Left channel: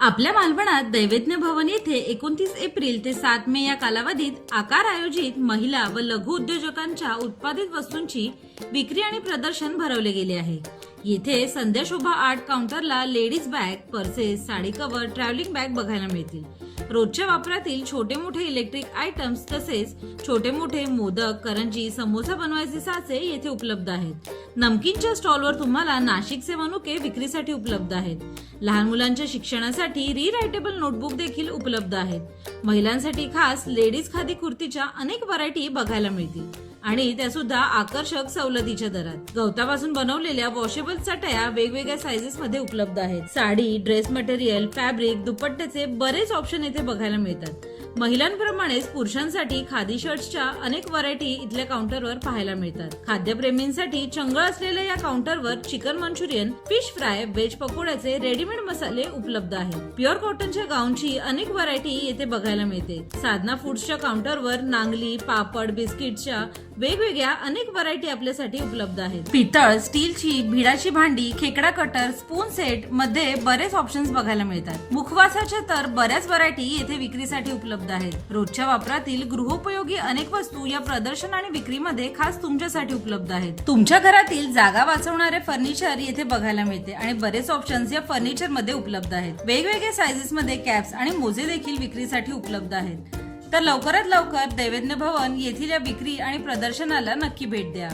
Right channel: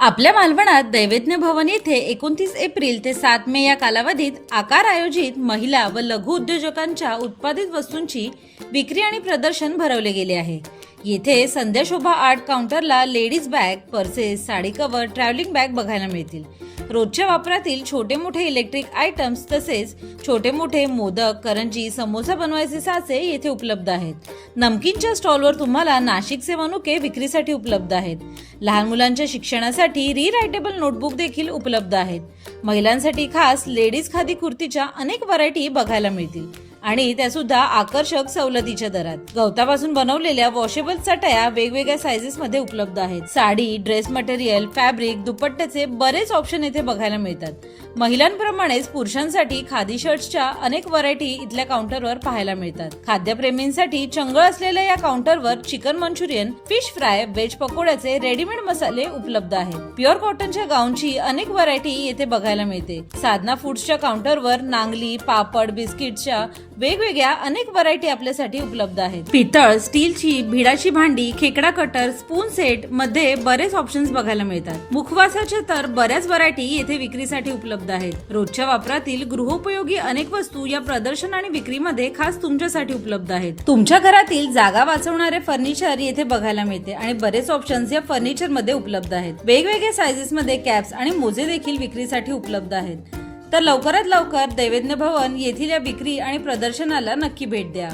आपल्या मालवणात दैवज्ञ भवन येथे 29 एप्रिल ते 7 मे या कालावधीत आकार आयोजित महिला व लघु उद्योजकांच्या उत्पादित वस्तूंची विक्री आणि प्रदर्शन भरवले गेले आहे। येथे संध्या शोभा आर्ट काउंटरला ladies bag, purses, sari cover, travelling bag बघायला मिळतील। रोजच्या वापरातील छोटे मोठे इलेक्ट्रिक आयटम्स तसेच छोटे मोठे मोदक, करंजी, समोसा बनवायचे साचे येथे उपलब्ध आहेत। नमकीनच्या स्टॉलवर तुम्हाला नाशिकचे मनुके विक्रीसाठी उपलब्ध आहेत। लहान मुलांच्या शिक्षणासाठी रीरायटेबल नोटबुक देखील उपलब्ध आहेत। महिलांसाठी खास लेडीज खादी कुर्तीच्या अनेक व्हरायटी बघायला मिळतील आणि त्या सुद्धा आकर्षक सवलतीच्या दरात। गवतापासून बनवलेल्या वॉशेबल चटया वेगवेगळ्या साइजेस मध्ये उपलब्ध आहेत। साडी, ड्रेस मटेरियल, फॅब्रिक, दुपट्ट्याचे बरेच ऑप्शन येथे बघायला मिळतात। महिलांप्रमाणेच पुरुषांसाठी खादी शर्ट्सच्या अनेक व्हरायटी इथल्या काउंटरवर पाहायला मिळतात। खाद्यप्रेमींसाठी चंगळ असलेल्या या काउंटरवर chicken Manchurian, fish fry, veg पकोड्याचे रेडीमेड मसाले उपलब्ध आहेत। प्युअर कॉटनच्या गाऊनची अनेक व्हरायटी येथे बघायला मिळते। साधना फूड्सच्या काउंटरवर नांगली, पापड, बिस्किटच्या वेगवेगळ्या अनेक व्हरायटी आपल्यासाठी उपलब्ध आहेत। पितळ, स्टीलची, भिडाची भांडी, खेकडा कटर, स्पून सेट मध्ये बरेच ऑप्शन्स बघायला मिळतात। मुखवासाच्या तर बऱ्याच व्हरायटी येथे विक्रीसाठी उपलब्ध आहेत। रोजच्या वापरातील गृहोपयोगी अनेक वस्तू या प्रदर्शन आणि विक्रीमध्ये खास तुमच्यासाठी उपलब्ध आहेत। तुमच्या घरातील जागा वाचवणारे फर्निचर येथे बघायला मिळते आणि बरेच ऑप्शन्स या फर्निचर मध्ये उपलब्ध आहेत। वेगवेगळ्या साइजेस मध्ये कॅप्स आणि मोजे देखील विक्रीसाठी उपलब्ध आहेत। तर लवकरात लवकर दैवज्ञ भवन येथील या विक्री आणि प्रदर्शनाला नक्की भेट द्या।